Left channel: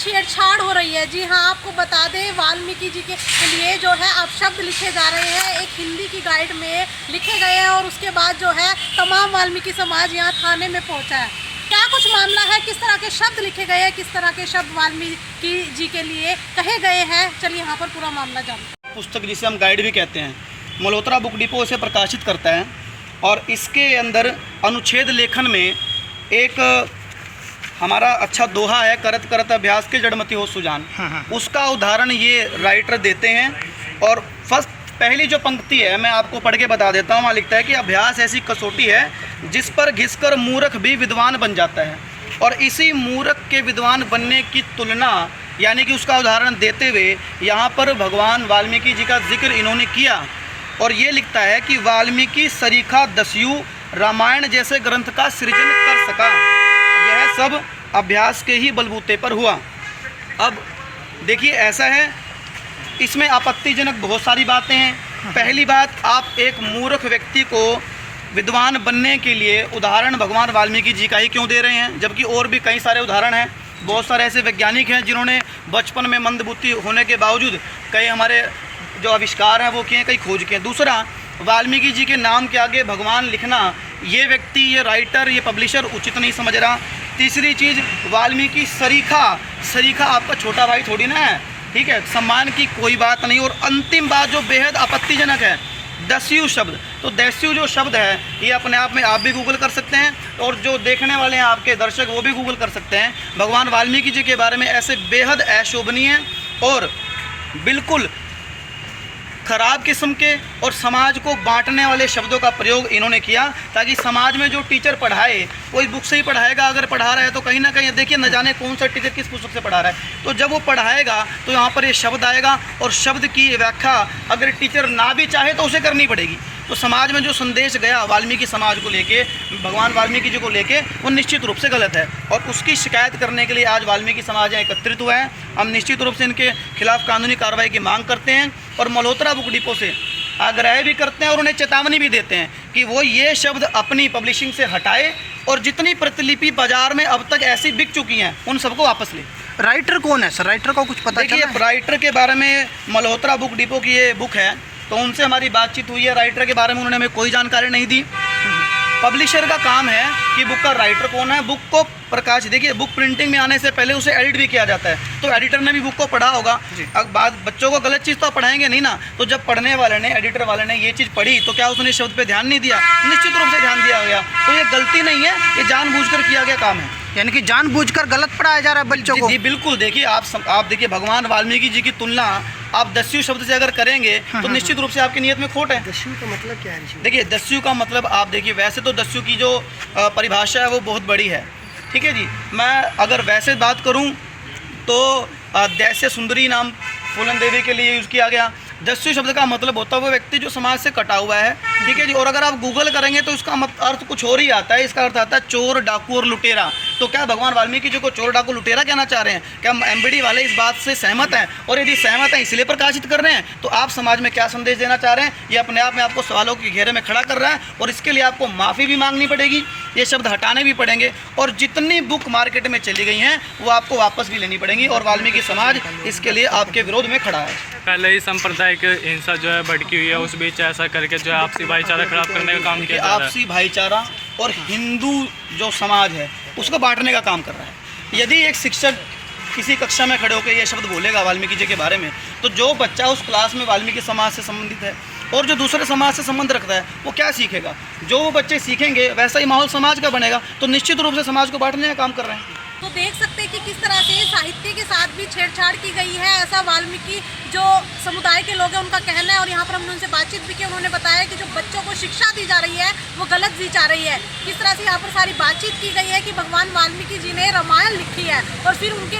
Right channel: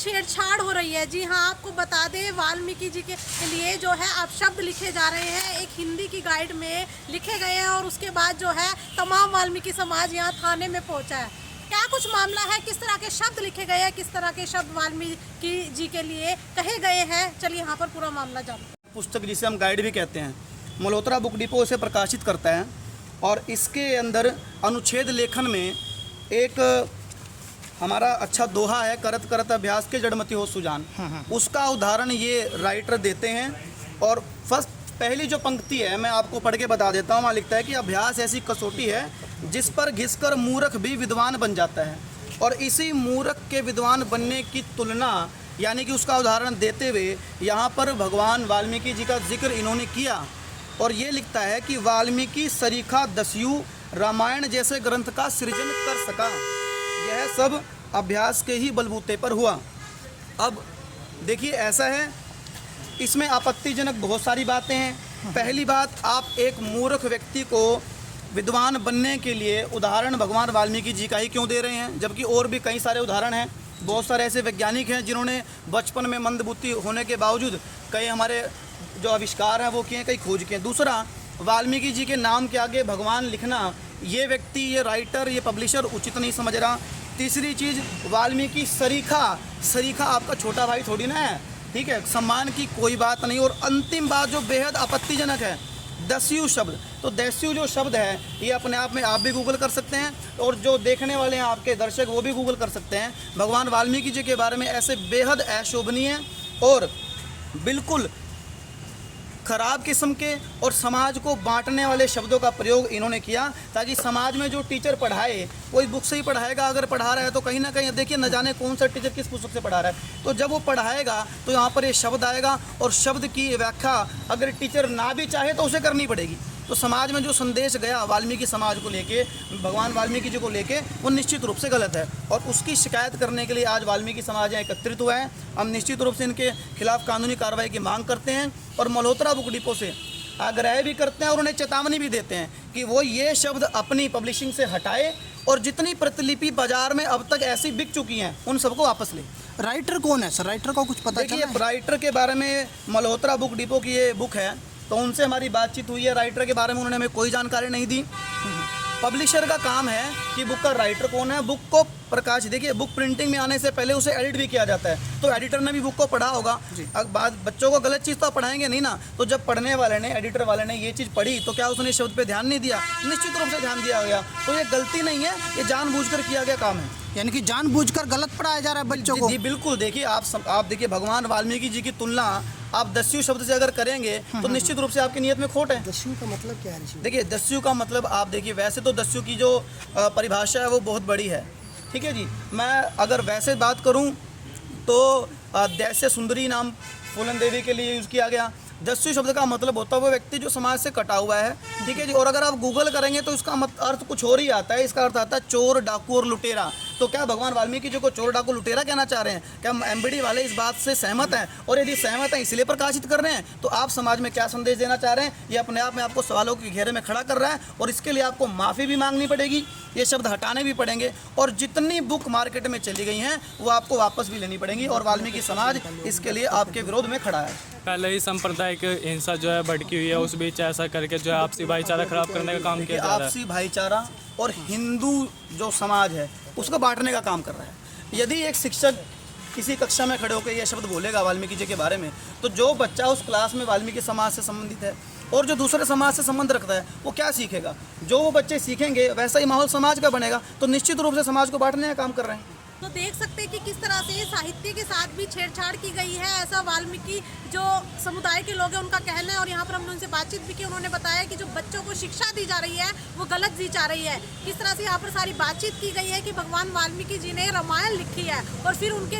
छेड़छाड़ हो रही है। जी हाँ, आपको बता दें वाल्मीकि जी के लिए जो है अब शब्द लिखे जा रहे हैं, एक हिंदी की गाइड में लिखे गए हैं और उसके बाद जो है तमाम वाल्मीकि समाज यहाँ थाने में पहुँचा है। क्या कुछ मामला है, किस तरह के शब्द लिखे गए हैं, किस तरह के शब्द वाल्मीकि जी के लिए कहे गए हैं, चलिए यहाँ पर पूरा मामला जानते। पुस्तक जिसे हम गाइड भी कहते हैं, मल्होत्रा बुक डिपो इसे प्रकाशित करता है और इसके अंदर अनुच्छेद लेखन में एक हमारा अच्छा दोहा है, करत करत अभ्यास के जड़मति हो सुजान। उसका उदाहरण ये राइटर देते हैं और पहली जो पंक्ति है मैं आपको पढ़ के बता देता हूँ। वहाँ लिखता है कि अभ्यास ऐसी कसौटी है जिस पर घिसकर मूर्ख भी विद्वान बन जाता है। और इसी मूर्ख के विद्वान बनने की तुलना यानी कि उसका उदाहरण देते हुए यहाँ पर भगवान वाल्मीकि जी का जिक्र इन्होंने किया और ये लिखता है कि वाल्मीकि सरीखा दस्यु रामायण जैसे ग्रंथ का सृजन कर सका, यह सब अभ्यास के ही बलबूते पर हुआ। अब देखिए ऐसा है, इसमें आपत्तिजनक बहुत सारी बातें हैं। पहली बात, आप एक मूर्ख व्यक्ति को विद्वान बनने के लिए उदाहरण भगवान वाल्मीकि जी का ही क्यों दे रहे हैं, जबकि और भी कई सारे उदाहरण हैं। बहुत सारे ऐसे वैज्ञानिक हैं जिन्होंने बचपन में मंदबुद्धि होने के बावजूद कई हमारे जो आविष्कार हैं वो किए, कई खोज किए। दूसरा, वाल्मीकि जी के नाम के आगे भगवान लिखना ये व्यक्ति, ये राइटर, ये पब्लिशर उचित नहीं समझ रहा। तीसरी चीज़, वाल्मीकि सरीखा आपका छोटा भाई थोड़ी ना है, ठीक है, सम्मान की कोई बात नहीं। और अंतिम बात जो बेहद आपत्तिजनक है, दस्यु शब्द। तो दस्यु जो शब्द है ये अपने आप में आप भी गूगल कर सकते हैं और जो देखने वाले हैं आपके दर्शक वो भी गूगल कर सकते हैं। भगवान वाल्मीकि जी के बारे में ऐसे बेहद अशोभनीय और बिल्कुल खराब किस्म के और समाज को बांटने वाले शब्दों का प्रयोग इन्होंने किया, ताकि समाज में जो टीचर पढ़ाए, कोई बुक से ही पढ़ाएगा, अगर पढ़ा रहा है तो कहीं ना कहीं देखिए न जाने कौन सा टीचर किस पुस्तक से पढ़ा रहा है, तो जब वो पढ़ाएगा तो यहाँ पर ये शब्द आएगा और शब्द की व्याख्या अगर टीचर ना भी चाहे तो उसे करनी पड़ेगी। तो समाज में जो संदेश गया वाल्मीकि समाज को लेके, भगवान वाल्मीकि जी को लेके, वो निश्चित रूप से गलत है और उसकी शिकायत करने के लिए आज वाल्मीकि समाज एकत्रित हुआ है। हम निश्चित रूप से इनके खिलाफ कानूनी कार्रवाई की मांग करते हैं और मल्होत्रा बुक डिपो से आग्रह भी करते हैं और उन्हें चेतावनी भी देते हैं कि वो ये शब्द अपनी पब्लिशिंग से हटाए और जितनी प्रतिलिपि बाजार में अब तक ऐसी बिक चुकी हैं उन सबको वापस लें। राइटर कौन है सर, राइटर का कुछ पता चला है? राइटर के बारे में मल्होत्रा बुक डिपो की ये बुक है, तो उनसे हमारी बातचीत हुई है। राइटर के बारे में उन्होंने हमें कोई जानकारी नहीं दी। पब्लिशर का काम है कि बुक का राइटर कौन है, बुक को प्रकाश, देखिए बुक प्रिंटिंग में आने से पहले उसे एडिट भी किया जाता है, तो एडिटर ने भी बुक को पढ़ा होगा। अब बात, बच्चों को गलत चीज़ तो पढ़ाएंगे नहीं ना, तो जब पढ़ने वाले ने, एडिटर वाले ने ये चीज़ पढ़ी तो क्या उसने शब्द पे ध्यान नहीं दिया? निश्चित रूप से ध्यान दिया गया। तो ये गलती नहीं है, ये जानबूझकर किया गया काम है, यानी कि जानबूझकर गलत पढ़ाया जा रहा है बच्चों को। जी बिल्कुल। देखिए आप देखिए भगवान वाल्मीकि जी की तुलना आप दस्यु शब्द से अगर करेंगे तो निश्चित रूप से आपकी नीयत में खोट है। दस्यु का मतलब क्या है? देखिए दस्यु का मतलब आप देखिए, वैसे तो दस्यु की जो परिभाषा है वो बहुत बड़ी है, ठीक है जी। मैं अगर वैसे बात करूं तो दैस्य सुंदरी नाम फूलन देवी के लिए यूज़ किया गया। दस्यु शब्द का मतलब होता है वो व्यक्ति जो समाज से कटा हुआ है, ठीक है जी। और अगर आप गूगल करेंगे तो इसका अर्थ कुछ और ही आता है, इसका अर्थ आता है चोर, डाकू और लुटेरा। तो क्या भगवान वाल्मीकि जी को चोर, डाकू, लुटेरा कहना चाह रहे हैं? क्या एमबीडी वाले इस बात से सहमत हैं? और यदि सहमत हैं इसलिए प्रकाशित कर रहे हैं, तो आप समाज में क्या संदेश देना चाह रहे हैं? ये अपने आप में आपको सवालों के घेरे में खड़ा कर रहा है और इसके लिए आपको माफ़ी भी मांगनी पड़ेगी, ये शब्द हटाने भी पड़ेंगे और जितनी बुक मार्केट में चली गई हैं वो आपको वापस भी लेनी पड़ेंगी और वाल्मीकि समाज इसके लिए आपके विरोध में खड़ा है। पहले ही सांप्रदायिक हिंसा जो है भड़की हुई है, उस बीच ऐसा करके जो है आपसी भाईचारा खराब करने का काम किया जा रहा है। आपसी भाईचारा और हिंदू जो समाज है उसको बांटने का काम कर रहा है। यदि एक शिक्षक किसी कक्षा में खड़े होकर ये शब्द बोलेगा वाल्मीकि जी के बारे में, तो जो बच्चा उस क्लास में वाल्मीकि समाज से संबंधित है और जो दूसरे समाज से संबंध रखता है वो क्या सीखेगा? जो वो बच्चे सीखेंगे वैसा ही माहौल समाज का बनेगा। तो निश्चित रूप से समाज को बांटने का काम कर रहे हैं। तो देख सकते हैं कि किस तरह से साहित्य के साथ भी छेड़छाड़ की गई है, ऐसा वाल्मीकि जो समुदाय के लोग हैं उनका कहना है। और यहाँ पर हमने उनसे बातचीत भी की, उन्होंने बताया कि जो बच्चों को शिक्षा दी जा रही है वो गलत दी जा रही है। किस तरह से यहाँ पर सारी बातचीत की गई है कि भगवान वाल्मीकि जी ने रामायण लिखी है और फिर उनके